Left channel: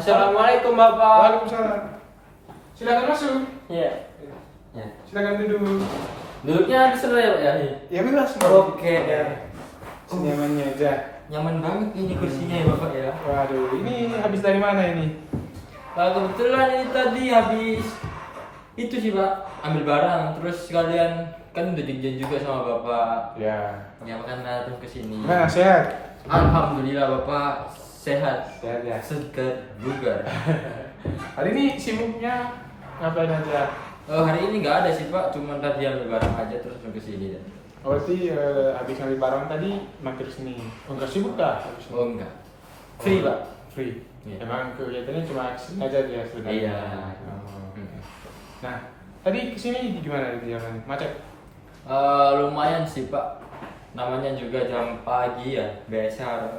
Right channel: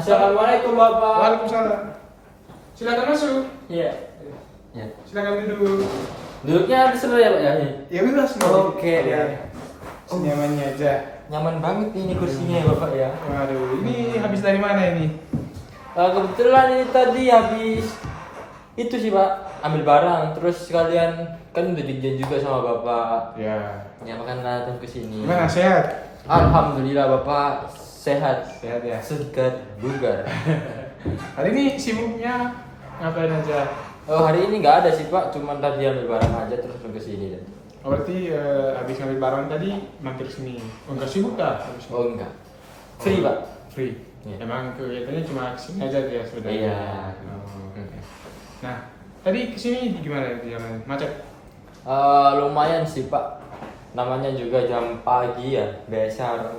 Assalamualaikum Bapak. Waalaikumsalam. Silakan masuk. Iya. Ya. Silakan duduk. Duduknya di sana ya Pak ya? Ya bebas. Oke deh. Senyamannya aja. Nyaman banget ini kursinya ya Bapak ya. Waduh, ini habis dari mana ini? Kebetulan ini tadi habis itu sih Pak, ambil barang terus sekalian kan udah dijanji juga sama Bapak. Ya. Ya makanya datang ke sini. Gimana, sehat? Alhamdulillah Bapak sehat. Sehat ya. Segar bugar. Hari ini sibuknya ngapain aja? Oh, hari ini nggak ada sih Pak, cuman tadi ambil barang aja terus langsung ke sini dan. Oh, berarti habis ngambil barang tadi mampir sini. Oh, enggak sibuk dah habis ini? Oh enggak. Free Pak. Free. Iya. Emang kegiatannya cuma kesini aja tuh ya sebenarnya. Iya. Oh, oke. Nah, tadi kesini gimana jalan? Macet? Lumayan sih Pak. Namanya juga jam pagi ya, biasa orang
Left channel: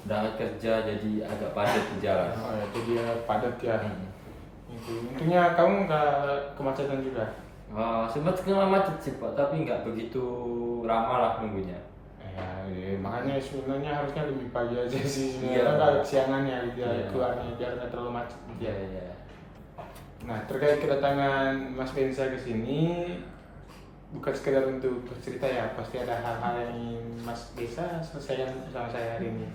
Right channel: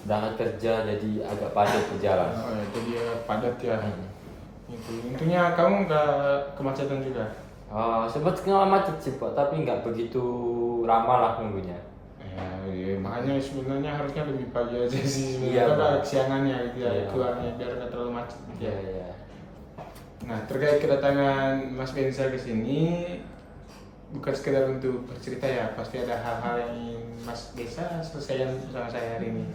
berangkat kerja jadi agak padat di jalan. Oh ya, jadi padat ya. Hmm. Itu. Untungnya kamu nggak kemacetan juga. Sempat kena macet sih Pak, tapi nggak begitu lama lah nunggunya. Ya, makanya sebenarnya harusnya lebih pagi aja sih sebenarnya. Iya, Kan Pak. agak kesiangannya gitu ya, Iya. keluarnya biar nggak terlalu macet gitu Iya, ya. iya. Nah, terkait kedatangan Mas Bensa ke sini bukan sekedar untuk bercerita ya, pasti ada hal-hal yang ingin Mas Bensa selesaikan sama saya hari ini.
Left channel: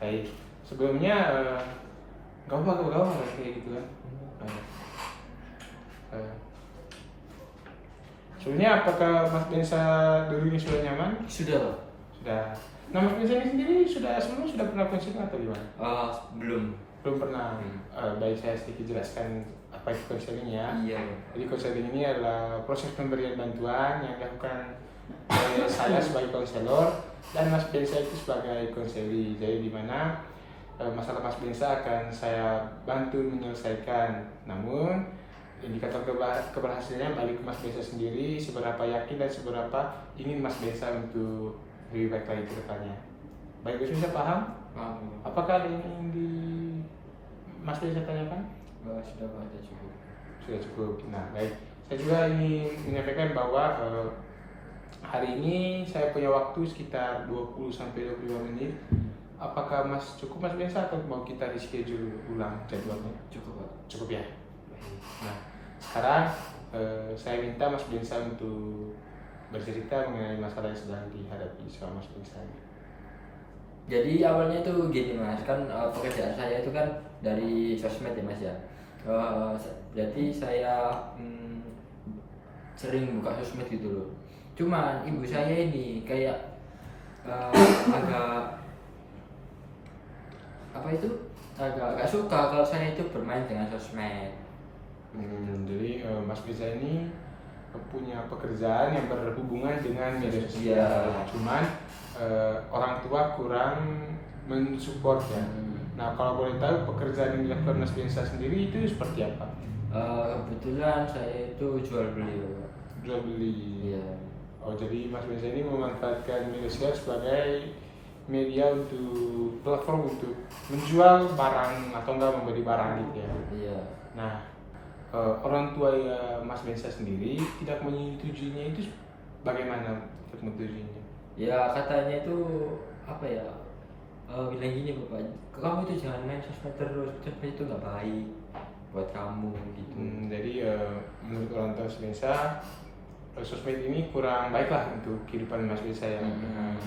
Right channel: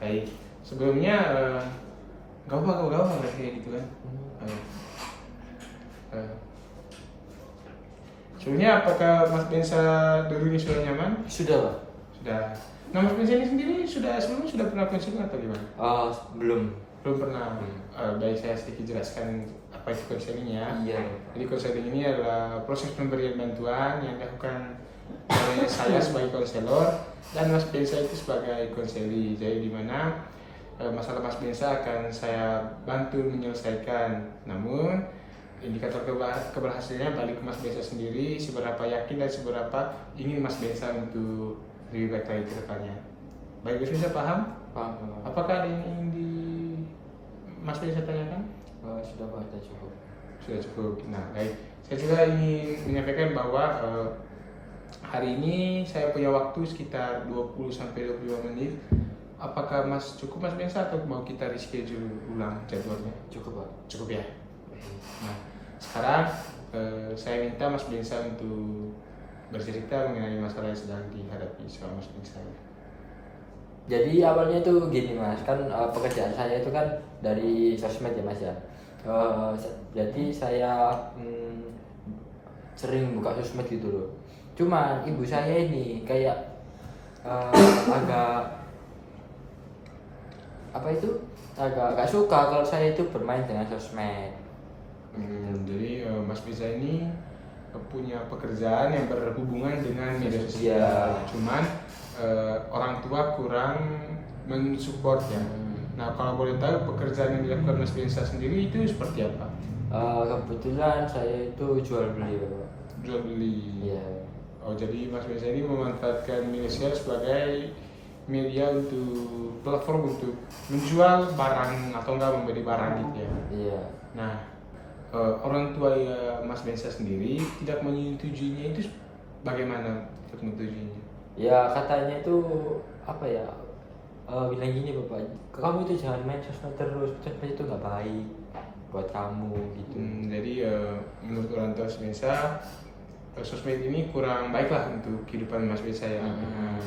Baik, sebelumnya gak apa-apa kayak gitu kan. Ayo. Sebelumnya apakah Mas Bensa dulunya sudah nyaman? Sudah Pak? Sudah. Nah, Mas Bensa ini sendiri sebelumnya sudah pernah konseling atau gimana? Belum. Belum pernah. Baik, saya sedikit jelaskan apa itu konseling ya. Iya. Jadi konseling ini adalah proses pemberian bantuan yang dilakukan oleh saya sebagai konselor dan Mas Bensa itu sebagai konseli. Jadi di mana masalah Mas Bensa akan saya bantu menyelesaikan. Namun indikator keberhasilannya balik ke Mas Bensa sendiri, seberapa yakin dan seberapa ingin Mas Bensa untuk lebih baik lagi ke depannya. Baik, Mas Bensa paham? Paham Pak. Apakah ada yang ingin Mas Bensa tanyakan? Sudah Pak, sudah cukup. Sudah cukup. Nah, baik. Saya juga ingin menyampaikan bahwa hari ini saya punya waktu sekitar 20 sampai 25 menit. Apakah cukup Mas Bensa atau mau kita reschedule ulang jadwalnya? Cukup Pak. Cukup ya. Nah, sekarang saya minta Mas Bensa untuk bercerita mengenai masalah yang sedang dihadapi sama Mas Bensa. Jadi awalnya itu gini Mas, kan pekerjaan saya itu kan dari sosmed ya Mas ya. Jadi saya sering buka sosmed gitu loh. Cuman ibu saya ini kayak agak apa itu? Agak suka kalau saya itu bermain dengan sosmed. Jadi Mas Bensa ini punya pekerjaan yang berhubungan dengan media sosial. Cuman orang tua kurang mensupport ya. Nah, kalau boleh tahu pekerjaan yang dilakukan Mas Bensa sendiri itu seperti apa? Kebetulan saya itu jual beli Pak. Jual beli. Iya. Oh, jadi Mas Bensa ini memanfaatkan media sosial sebagai media untuk platform untuk menjual barang atau enggak membeli barang gitu ya. Iya. Nah, orang tua ya Mas Bensa sendiri tidak menyetujuinya itu bagaimana untuk menyetujuinya? Ya katanya itu apa ya? Bilang gini Bapak, kamu itu jangan main sosmed terus, sosmed itu nggak baik buat kamu gitu. Jadi menurut orang tua Mas Bensa, sosmed ini kurang baik lah untuk kehidupan Mas Bensa ya.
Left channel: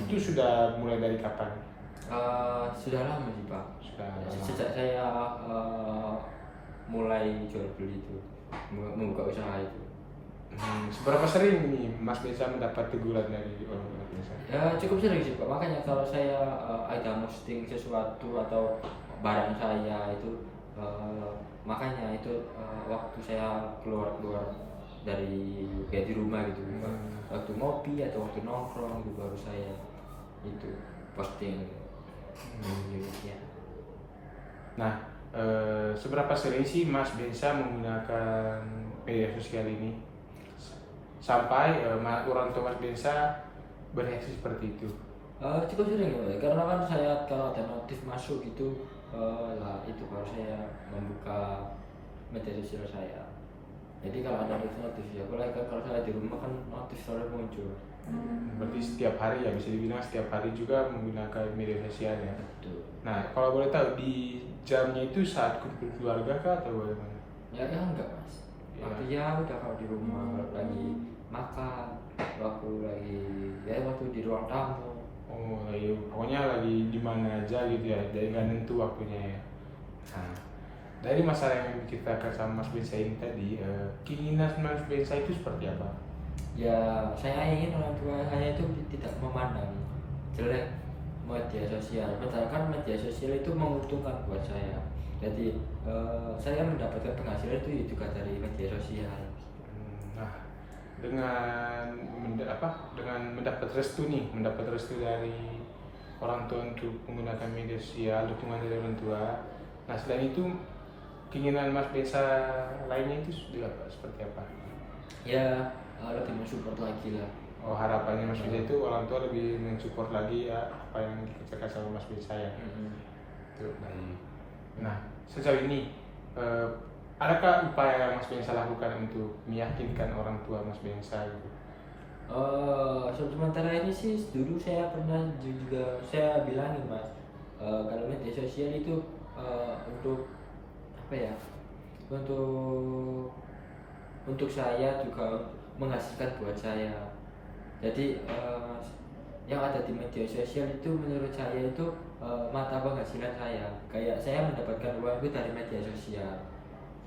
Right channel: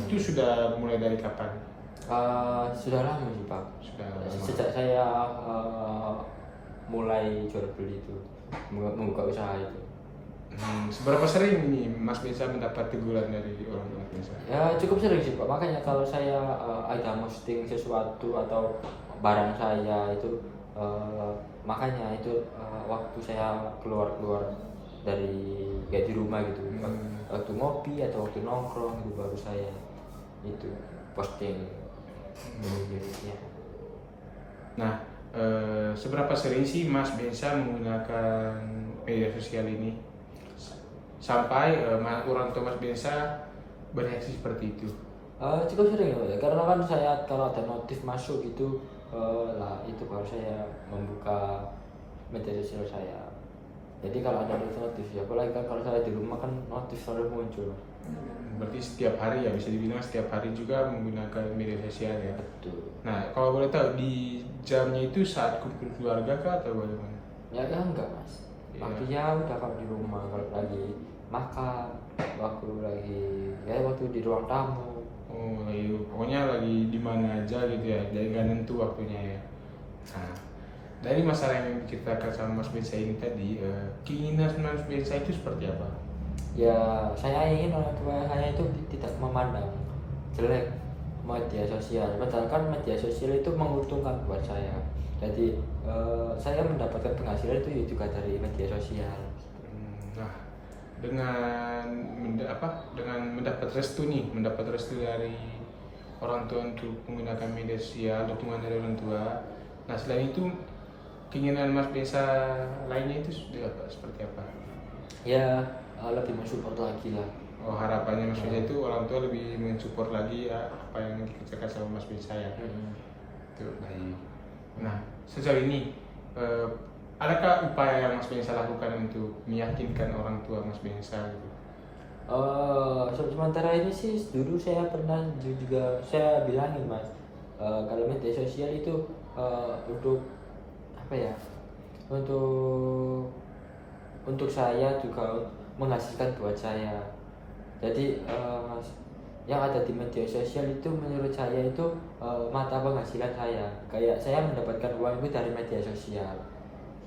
Itu sudah mulai dari kapan? Sudah lama sih Pak. Sudah lama. Sejak saya mulai jual beli itu, membuka usaha itu. Seberapa sering nih Mas Bensa mendapat teguran dari orang tua Mas Bensa? Ya cukup sering sih Pak, makanya kalau saya ada posting sesuatu atau barang saya itu makanya itu waktu saya keluar dari kayak di rumah gitu, waktu ngopi atau waktu nongkrong gitu baru saya itu posting. Nah, seberapa sering sih Mas Bensa menggunakan media sosial ini sampai orang tua Mas Bensa bereaksi seperti itu? Cukup sering ya, karena kan saya kalau ada notif masuk gitu lah itu baru saya membuka media sosial saya. Jadi kalau ada notif ya, apalagi kan kalau saya di rumah kan notif selalu muncul. Berarti setiap hari ya, bisa dibilang setiap hari juga menggunakan media sosial ya. Betul. Nah, kalau boleh tahu di jamnya itu saat kumpul keluarga kah atau bagaimana? Ya kan enggak mas, Iya. waktunya udah kalau di rumah, kalau lagi makan, waktu lagi ya waktu di ruang tamu. Oh, lagi, pokoknya lagi di mana aja gitu ya, jadi nggak nentu waktunya ya. Nah, dari masalah yang kita katakan sama Mas Bensa ini tadi, keinginan Mas Bensa itu seperti apa? Ya saya ingin orang tua saya itu tidak memandang jelek media sosial, padahal kan media sosial itu menguntungkan buat saya. Jadi saya mendapatkan penghasilan itu juga dari media sosial. Nah, dengan mendapat restu nih, mendapat restu dari orang tua untuk menggunakan media sosial, dukungan dari orang tua. Nah, selain itu keinginan Mas Bensa lainnya itu sudah apa? Seperti apa? Ya lebih mensupport lagi lah. Oh, harapannya Mas Bensa itu orang tua lebih mensupport lagi ya, apa yang dikerjakan sama Mas Bensa ya. Itu baik. Nah, sejauh ini adakah upaya yang Mas Bensa lakukan untuk meyakinkan orang tua Mas Bensa gitu? Sementara ini sih dulu saya pernah juga saya bilangin mas, kalau media sosial itu untuk apa ya, untuk saya juga menghasilkan buat saya. Jadi yang ada di media sosial itu menurut saya itu mata penghasilan saya. Kayak saya mendapatkan uang itu dari media sosial.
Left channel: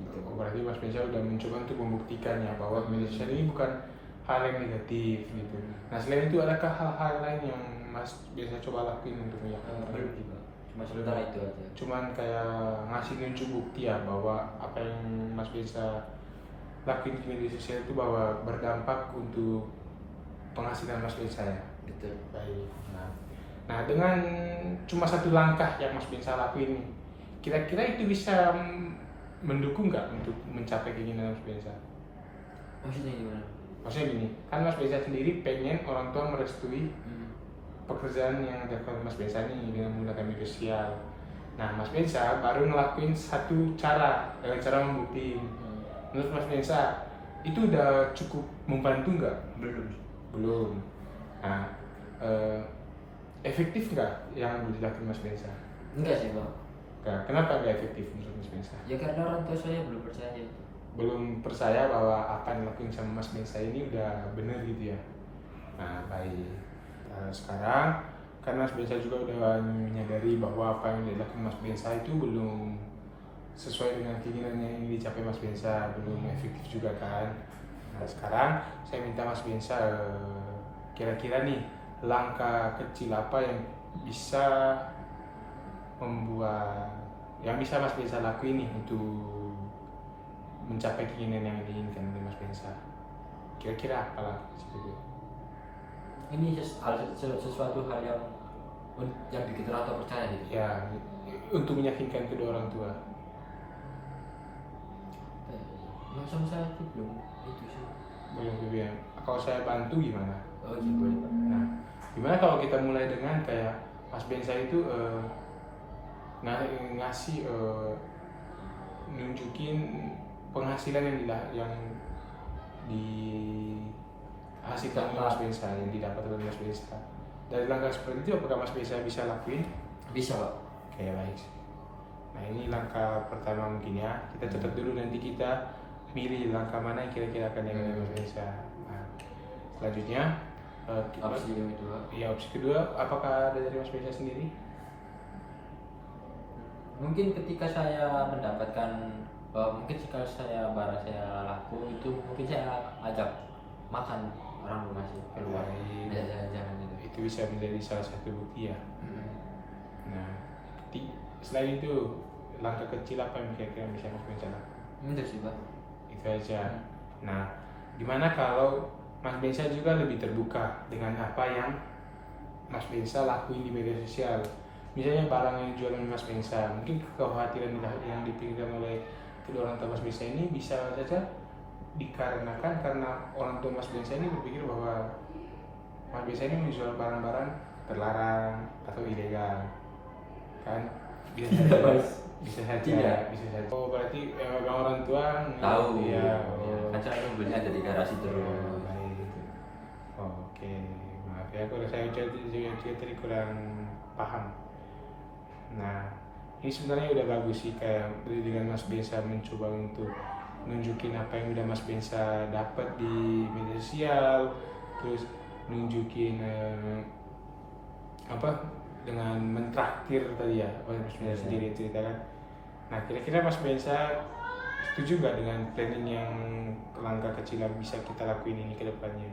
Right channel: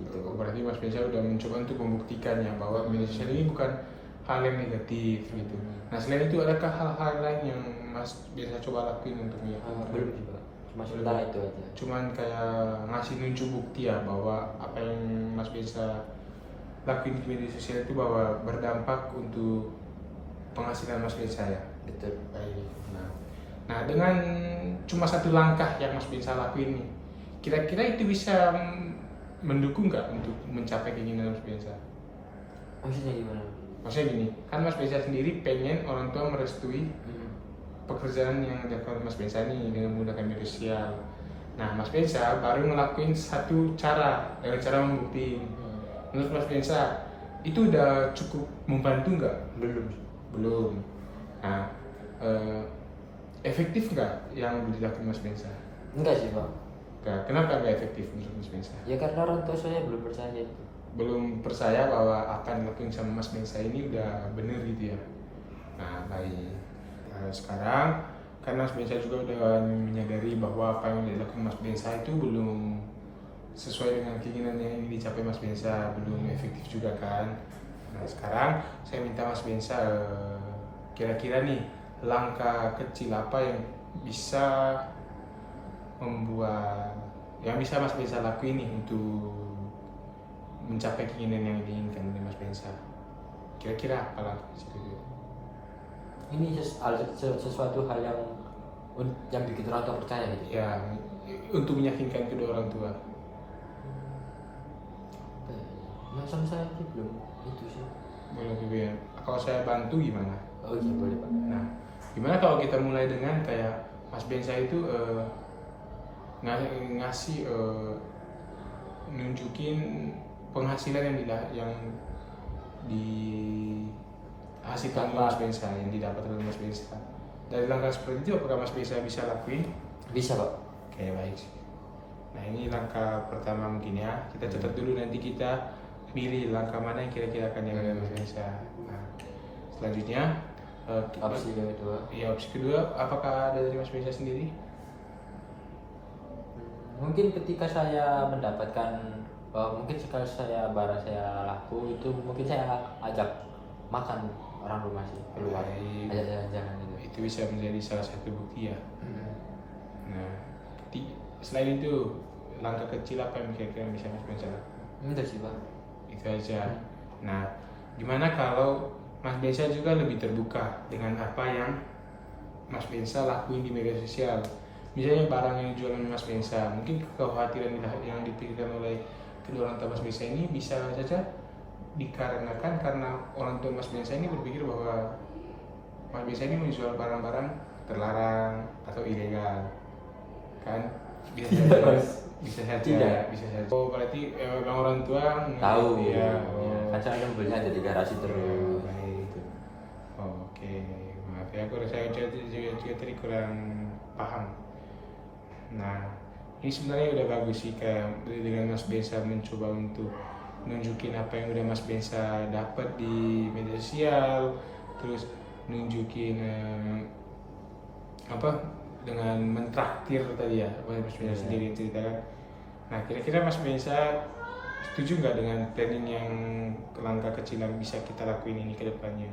Gitu. Berarti Mas Bensa udah mencoba untuk membuktikan ya bahwa media sosial ini bukan hal yang negatif gitu. Nah, selain itu adakah hal-hal lain yang Mas Bensa coba lakuin untuk meyakinkan? Belum sih pak, masih tak itu aja. Cuman kayak ngasih nunjuk bukti ya bahwa apa yang Mas Bensa lakuin di media sosial itu bahwa berdampak untuk penghasilan Mas Bensa ya. Betul. Baik. Nah, dengan cuma satu langkah yang Mas Bensa lakuin nih, kira-kira itu bisa mendukung nggak untuk mencapai keinginan Mas Bensa? Maksudnya gimana? Maksudnya gini, kan Mas Bensa sendiri pengen orang tua merestui pekerjaan yang dilakukan Mas Bensa nih dengan menggunakan media sosial. Nah, Mas Bensa baru ngelakuin satu cara dengan cara membuktiin. Menurut Mas Bensa itu udah cukup membantu nggak? Belum. Nah, efektif nggak yang dilakukan Mas Bensa? Enggak sih pak. Nah, kenapa nggak efektif menurut Mas Bensa? Ya karena orang tua saya belum percaya itu. Belum percaya bahwa apa yang dilakukan sama Mas Bensa ini udah bener gitu ya. Nah, baik. Nah, sekarang kan Mas Bensa juga udah menyadari bahwa apa yang dilakukan Mas Bensa itu belum sesuai dengan keinginan yang ingin dicapai Mas Bensa, belum efektif juga kan. Nah, sekarang saya minta Mas Bensa kira-kira nih langkah kecil apa yang bisa bisa Mas Bensa lakuin nih untuk mencapai keinginan yang diinginkan oleh Mas Bensa. Kira-kira apa langkah kecil itu? Ini sesuatu hal yang bikin orang tua percaya gitu. Ya, untuk meyakinkan kedua orang tua. Sama saya sih belum itu sih. Belum BBM. Kalau saya bantu gimana? Oh iya boleh pak. Nah, gimana kalau kita mulai dengan kayak Mas Bensa itu ngasih nunjukin penghasilan yang dihasilkan oleh Mas Bensa, yang didapat oleh Mas Bensa. Dari langkah seperti itu apakah Mas Bensa bisa lakuin? Bisa pak. Oke, baik. Nah, ini langkah pertama mungkin ya. Kita catat dulu, nanti kita pilih langkah mana yang kira-kira akan diambil Mas Bensa. Nah, selanjutnya Opsi yang kedua. ya, opsi kedua apakah ada dari Mas Bensa sendiri? Mungkin ketika saya mendapatkan mungkin sekali barang saya laku itu mungkin saya ajak makan orang rumah sih keluar, Baik. ajak jalan-jalan gitu. Itu bisa menjadi salah satu bukti ya. Nah, selain itu langkah kecil apa yang kira-kira bisa Mas Bensa lakukan? Enggak sih pak. Itu aja. Nah, gimana kalau Mas Bensa juga lebih terbuka dengan apa yang Mas Bensa lakuin di media sosial? Misalnya barang yang jualan Mas Bensa, mungkin kekhawatiran yang dipikirkan oleh kedua orang tua Mas Bensa ini bisa saja dikarenakan karena orang tua Mas Bensa ini berpikir bahwa Mas Bensa ini menjual barang-barang terlarang atau ilegal, kan? Bisa saja. Oh, berarti memang orang tua Tahu ya. kan saya belinya ada di garasi terus. Baik. Oke. ya, aku rasa juga tadi kurang paham. Nah, ini sebenarnya udah bagus sih, kayak dengan Mas Bensa mencoba untuk nunjukin apa yang udah Mas Bensa dapat di media sosial, terus nunjukin apa dengan mentraktir tadi ya, apa yang Mas Bensa sendiri ceritakan. Nah, kira-kira Mas Bensa setuju nggak dengan planning yang langkah kecil yang bisa kita lakuin ini ke depannya?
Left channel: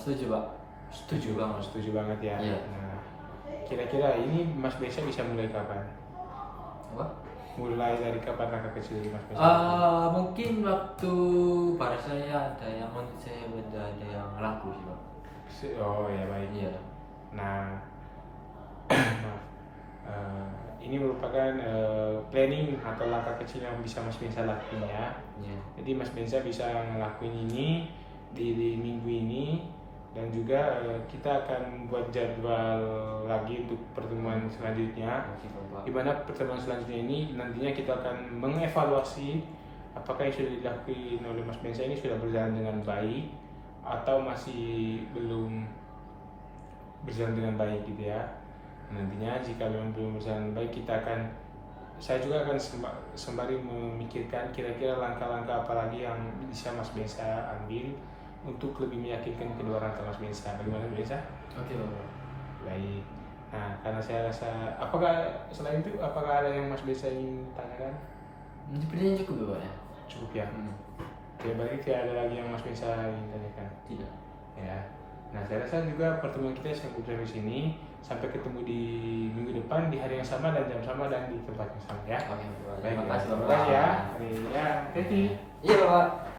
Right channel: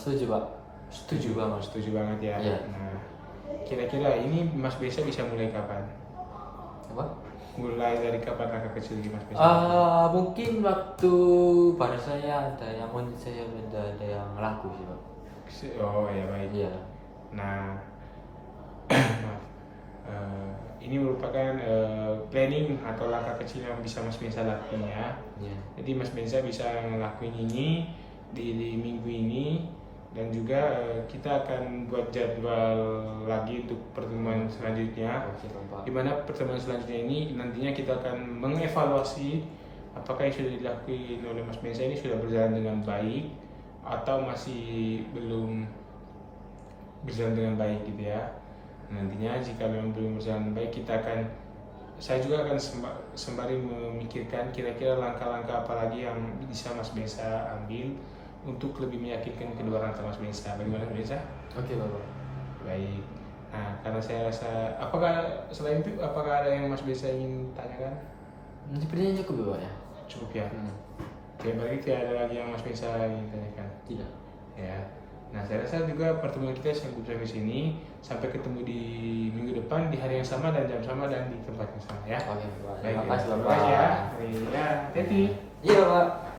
Setuju Pak. Setuju banget ya. Iya. Nah, kira-kira ini Mas Bensa bisa mulai kapan? Apa? Mulai dari kapan langkah kecil ini Mas Bensa? Mungkin waktu pada saya ada yang saya ada yang laku sih Pak. Oh ya, baik. Iya. Nah, maaf. Ini merupakan planning atau langkah kecil yang bisa Mas Bensa lakuin ya. Iya. Jadi Mas Bensa bisa ngelakuin ini di minggu ini, dan juga kita akan buat jadwal lagi untuk pertemuan selanjutnya. Oke Pak. Di mana pertemuan selanjutnya ini nantinya kita akan mengevaluasi apakah yang sudah dilakukan oleh Mas Bensa ini sudah berjalan dengan baik atau masih belum berjalan dengan baik gitu ya. Nantinya jika memang belum berjalan baik, saya juga akan sembari memikirkan kira-kira langkah-langkah apa lagi yang bisa Mas Bensa ambil untuk lebih meyakinkan kedua orang tua Mas Bensa. Bagaimana Mas Bensa? Oke Pak. Baik. Nah, karena saya rasa, selain itu apakah ada yang Mas Bensa ingin tanyakan? Sepertinya cukup ya Pak ya. Cukup ya. Oke, berarti tidak ada lagi yang Mas Bensa ingin tanyakan. Tidak. Ya. Nah, saya rasa juga pertemuan kita cukup sampai sini. Sampai ketemu di minggu depan di hari yang sama dan jam sama dan di tempat yang sama ya. Oke Pak. Baik, Terima kasih terima Bapak. kasih ya. Ya, hati-hati. Iya Pak.